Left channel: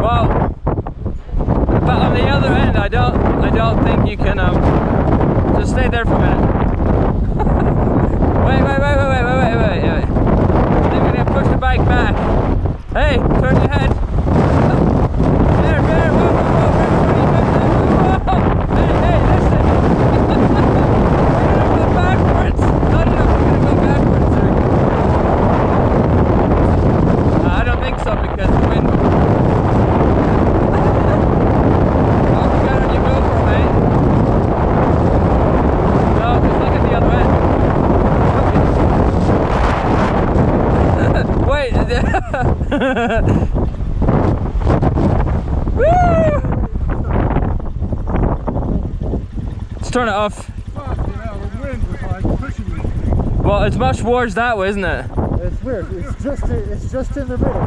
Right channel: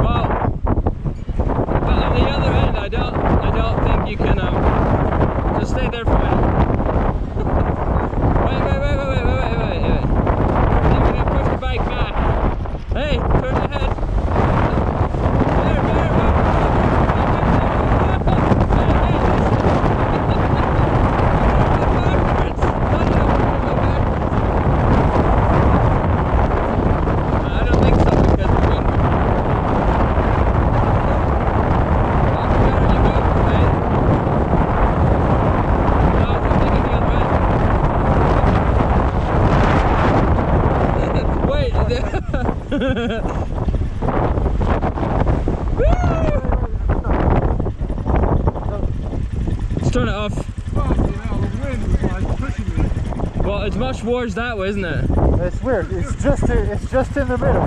Well, but on the other end, I don't think you can. Just stay there for a minute. Wait. I'm gonna push the bike back. Hey, turn your head. Bear, whoa, where are you going now? Whoa! Hey, listen. We're gonna go backwards. No, we're gonna go backwards. There we go. I don't think so because the wind will. How you got on your GoPro, mate? No, because look at the other end. Wait. Woo! Let's turn it off. Fucking hell, the wind was like pushing me. Well, it's much worse that way, isn't it? It's weird. It's just in the middle.